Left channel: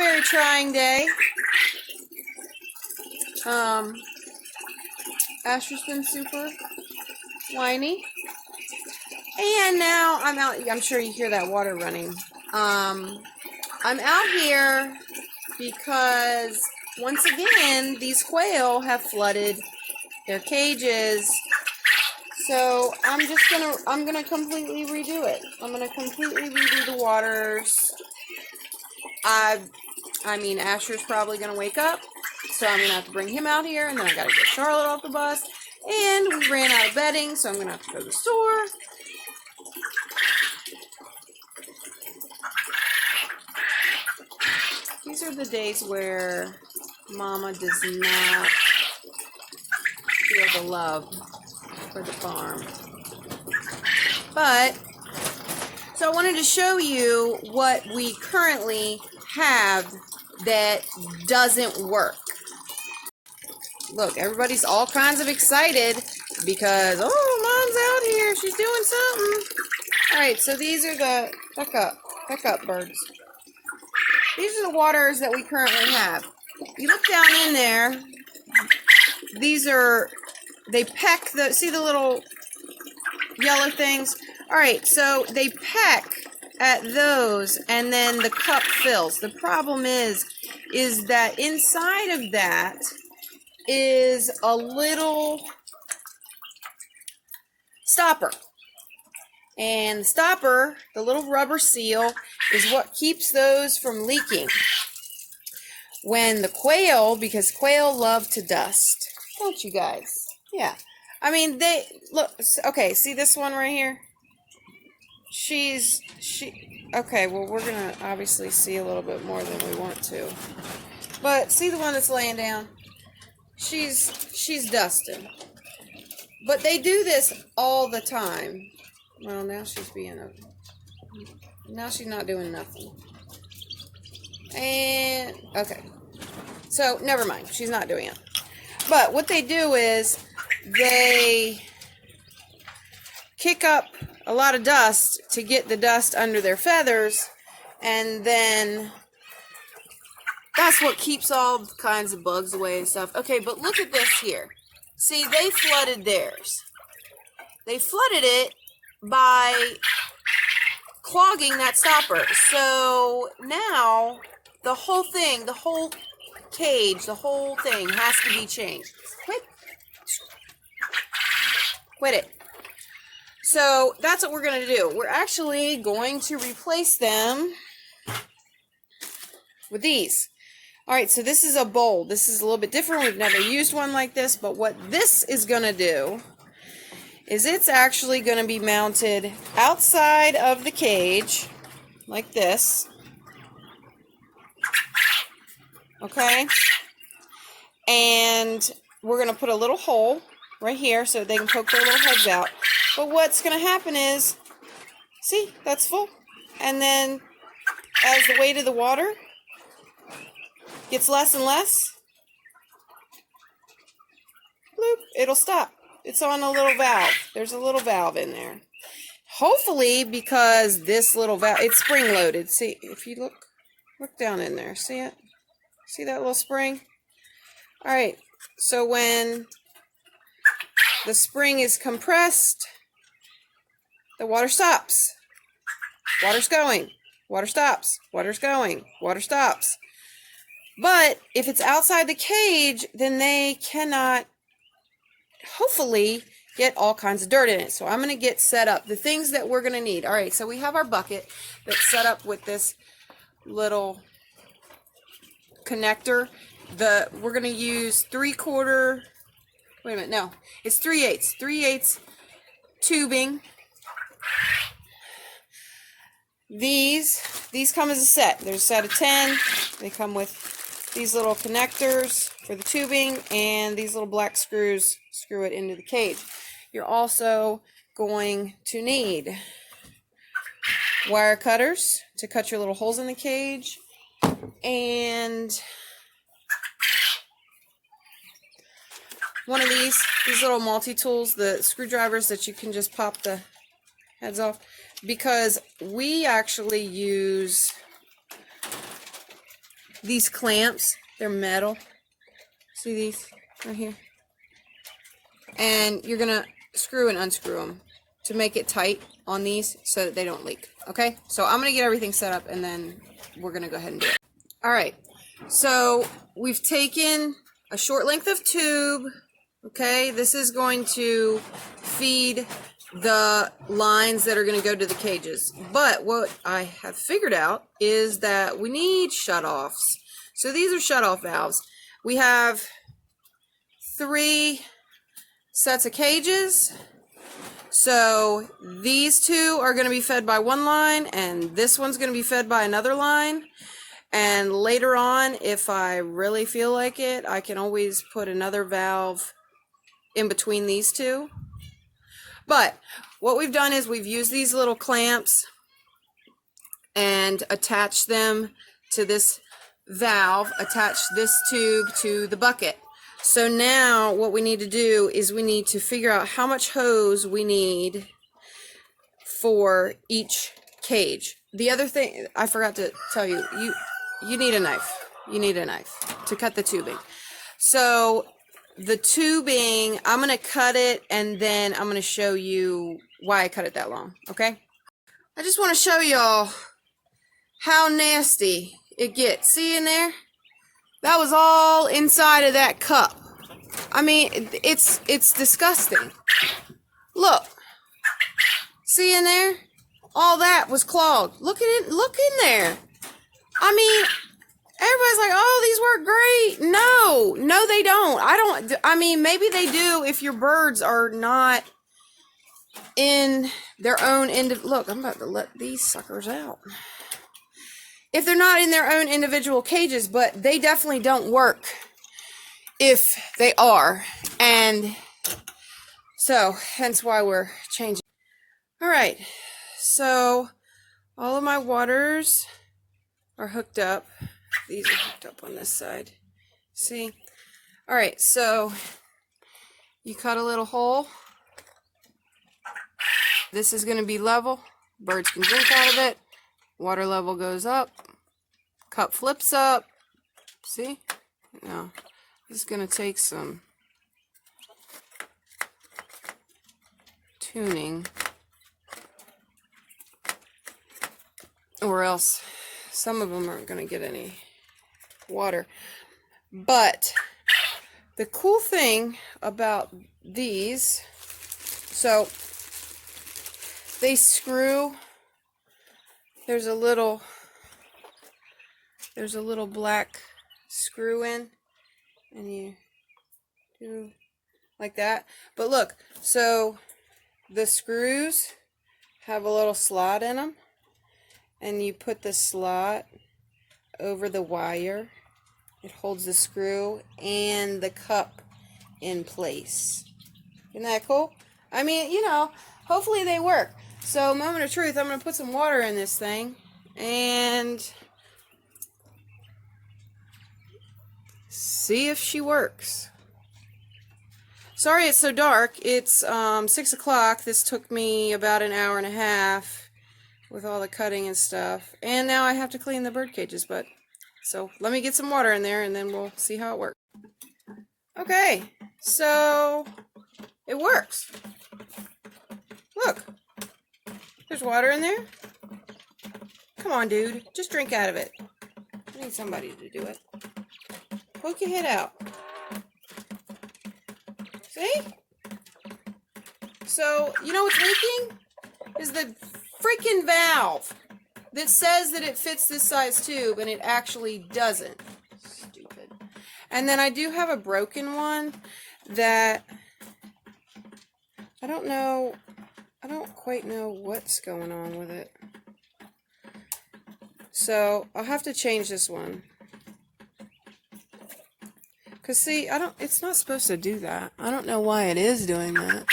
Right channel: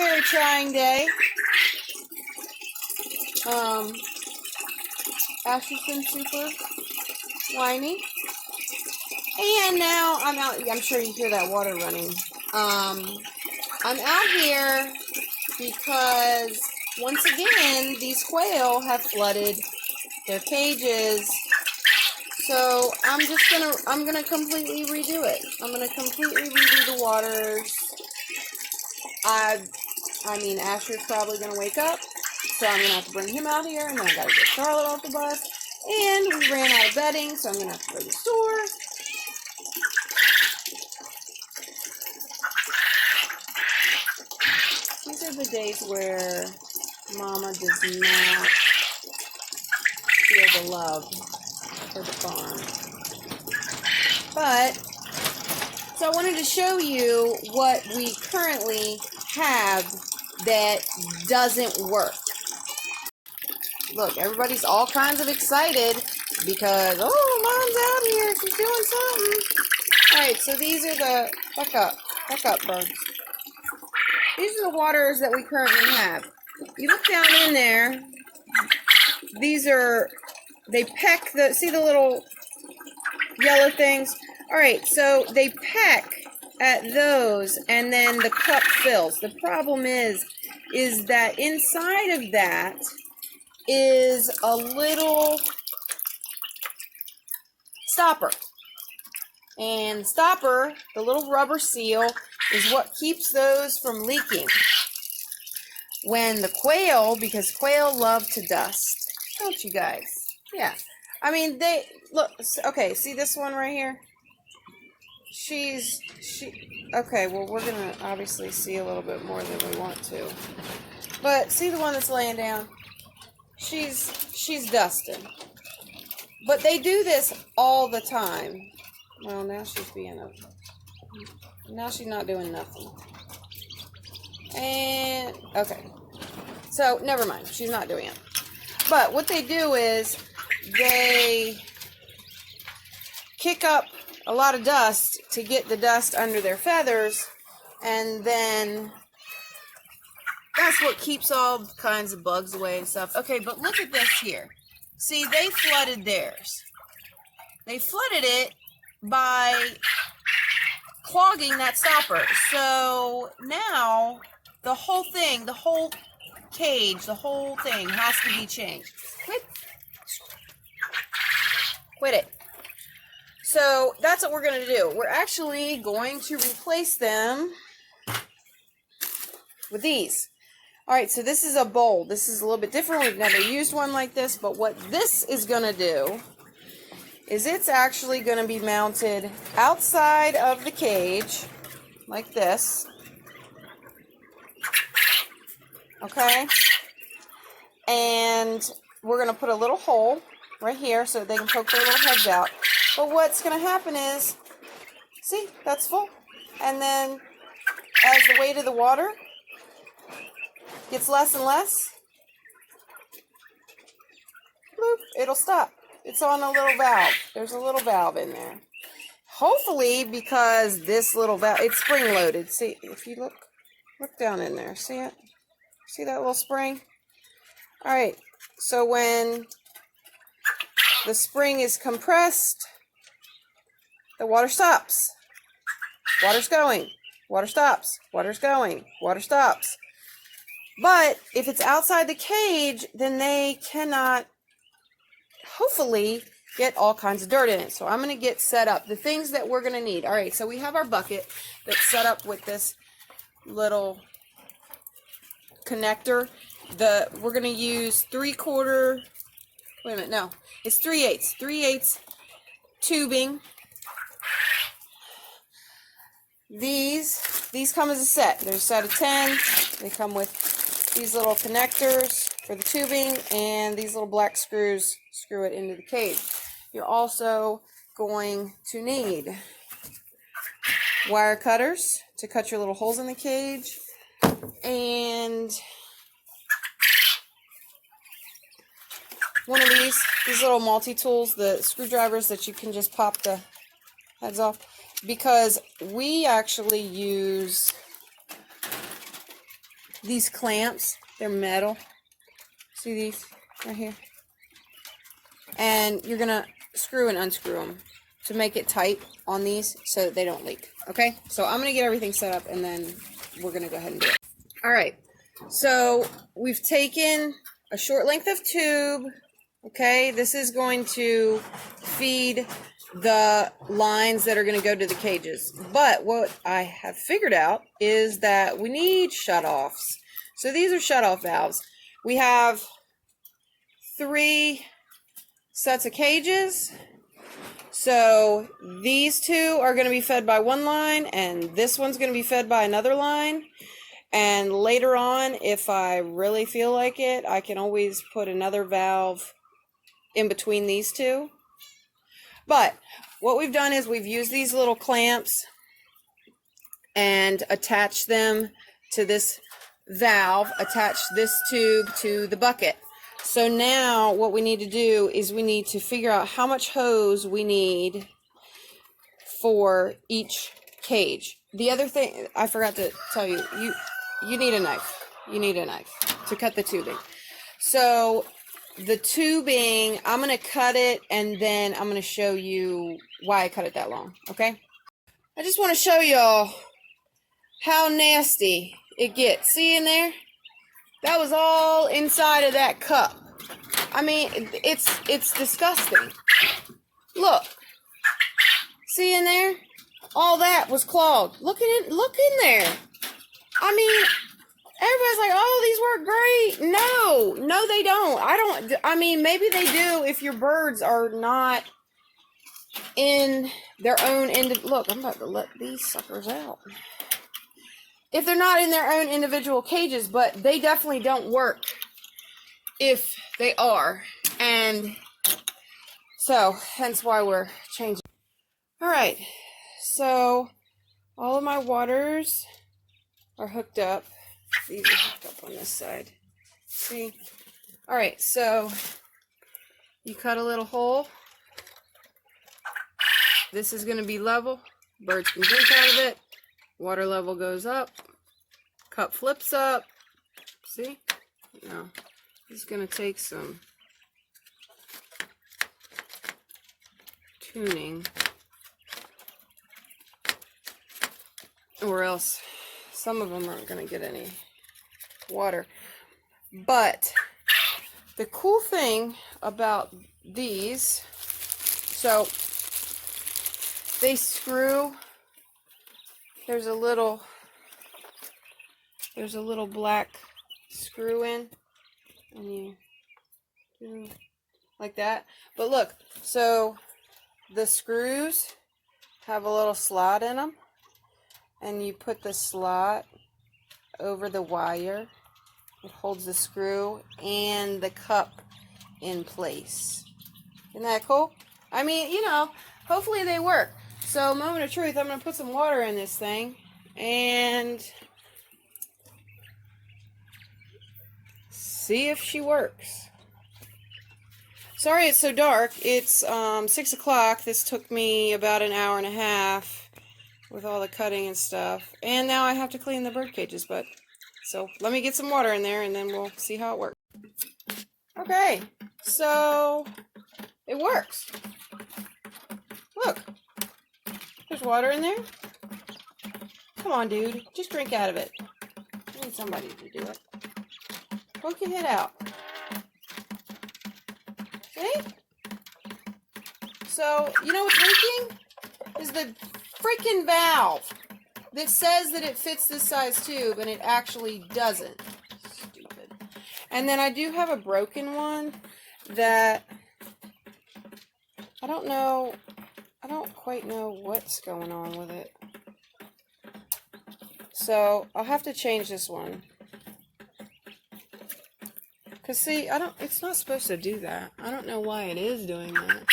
very trying day. Asher's been super whiny. And now I'm out. I'm sure you hear that water running. I'm out here because once again these quail have flooded their cages. So I'm gonna completely redo it. I'm gonna completely redo the waters. I mean Asher's probably gonna wake up, so I'm gonna have to bring him out here, and then I gotta get Charlotte off the bus. And we ran out of bedding, so I'm gonna have to go to the store. These are the days where Mama does not feel the love for the farm. But, so I wanted to show you what we currently have that doesn't work. Look, everybody's all kinds of excited because, oh, Mom's out here. She's doing something. All right, so these are the, back up, birds. These are the waters that we currently have. You look down in there, these are, they peck the, see the little yellow things? All right, so they peck at those and then the cup fills. The problem is that inside of that is a little stopper. And the stopper, the little rubber seal, is what keeps those from leaking. When the quail, because quail love to dust, don't you guys? Yeah. I mean, they, look, okay, see this one right here? Okay, well, we're going to obviously see a little bit more than we want to. But see the one that's laying down? She's dusting. But they do this all the time. Well, now she's not doing nothing. And, okay. So, never mind. She's not doing it. But what they do is they kick up a lot of dust to get the dust under their feathers, and then that's what keeps all kinds of bugs away and stuff. Okay, but look at this here. See, they flooded theirs. They flooded it by clogging that stopper. So now the whole thing, the whole cage, the whole thing has to be changed. Quit it. So that's what we're going to do. We're actually going to replace them with these. All right, so this is a bowl. This is a little bit different. We've never used one like this, but what this is going to do is it's actually going to be mounted outside of the cage like this. Okay? And we're going to put a little hole right here so they can poke their little heads out. But what's going to happen is, see, that's full. And then as the weight of the water gets less and less, bloop, it'll stop. It's on a little valve. There's a little valve in there. Hopefully, because this little valve, it's spring loaded. See, if you look down in there, see it? See that little spring? All right, so when the spring is compressed, the water stops. Water's going. Water stops. Water's going. Water stops. But if it's outside the cage, then they cannot, hopefully, get all kinds of dirt in it. So I'm going to get set up. The things that we're going to need. All right, so we have our bucket that's set up with this little connector. We're going to use 3/4, wait a minute, no, it's 3/8. 3/8 tubing. These come as a set. There's a set of 10. They come with these little connectors for the tubing, and these little black screws screw it into the cage. You're also going to need wire cutters to cut your little holes in the cage, and one of these little multi-tools, the screwdrivers that you can just pop the heads off, because we actually use these clamps. They're metal. See these right here? And you're going to screw and unscrew them to make it tight on these so that they don't leak. Okay? So I'm going to get everything set up and then we're going to go ahead and do it. All right. So we've taken a short length of tube. Okay? This is going to feed the lines that are going to go to the cages. But what I have figured out is that we need shutoffs. So these are shutoff valves. We have 3 sets of cages. So these 2 are going to be fed by one line and this one's going to be fed by another line. And later on, if I really feel like it, I can always put another valve in between these 2. But what we've done is we've used these little clamps and attached them to this valve, attached this tube to the bucket. So now what we need to do is we need to figure out how much hose we need for each cage. The other thing I forgot to tell you, you need a knife. You need a knife to cut the tubing. So the tubing, I'm going to cut it and then I'm going to show you why I cut it that long, okay? I just want to show y'all how nasty it gets. See in there? That was all inside of that cup. I mean, it's disgusting. Look. See in there? All that was clogged. Look at it. Look in there. I mean, everybody's like, oh, these work great. No, they don't. I mean, maybe they do if your birds are not in their own look, I'm about to let these suckers out. If they're not in their own individual cages, but they definitely don't work if they are. And so, hence why we're changing. All right, so all of my waters are hooked up. These are hooked up on this side. See? All right, so you cut a little hole. This is going to be level. Birds can drink out of it. Water level goes up. Cup flips up. See? No. This is going to take some tuning. Or else some of them aren't going to get any water. But the cool thing about these, so they screw, there's a little black screw in, and you do like that. But look, so the screws have a little slot in them, and you put the slot over the wire. It holds the screw and the cup in place. Isn't that cool? I mean, you know, hopefully they work. So, moment of truth, I'm going to put some water in this thing and see if she works. Sorry it's so dark. It's 6 o'clock. This took me about an hour and a half with all the cutting and stuff. And now I have to clean the bird cages, but so let me get some water in there and then we'll see how it works. Okay, so it works. Look, there's water in there. Come on, dude, just drink out of it. I need somebody to do it. Poke your head out. See? So, you know what's leaking? Is the freaking valve that says that it fits this size tube, and it actually doesn't. Stupid. And then I do have a broken one that I don't know, I don't quite know what's going on with it. So I'll have to change this one. Cause see, it's not supposed to do that. I don't know why it is doing that.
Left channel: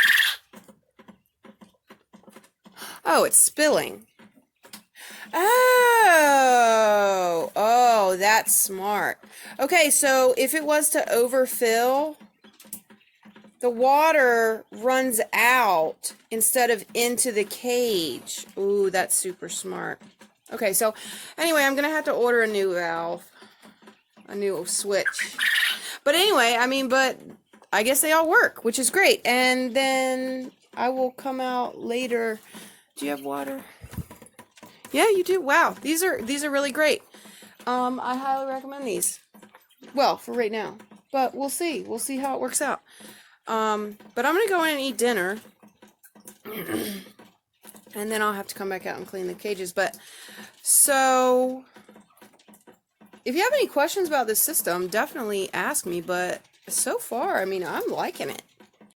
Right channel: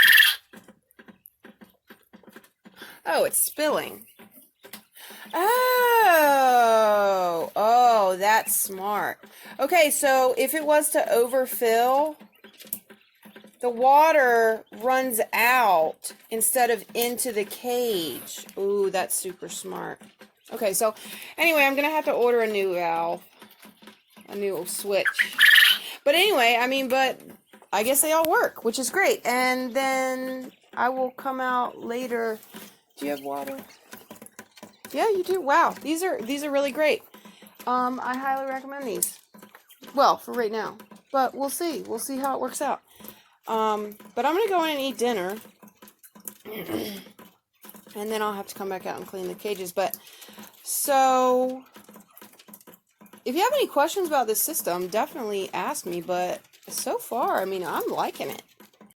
Oh, it's spilling. Oh, that's smart. Okay, so if it was to overfill, the water runs out instead of into the cage. Ooh, that's super smart. Okay, so anyway, I'm going to have to order a new valve. a new switch. But anyway, I mean, but I guess they all work, which is great. And then I will come out later. Do you have water? Yeah, you do. Wow, these are really great. I highly recommend these. Well, for right now, but we'll see. We'll see how it works out. But I'm gonna go in and eat dinner, and then I'll have to come back out and clean the cages. But so, if you have any questions about this system, definitely ask me. But so far, I mean, I'm liking it.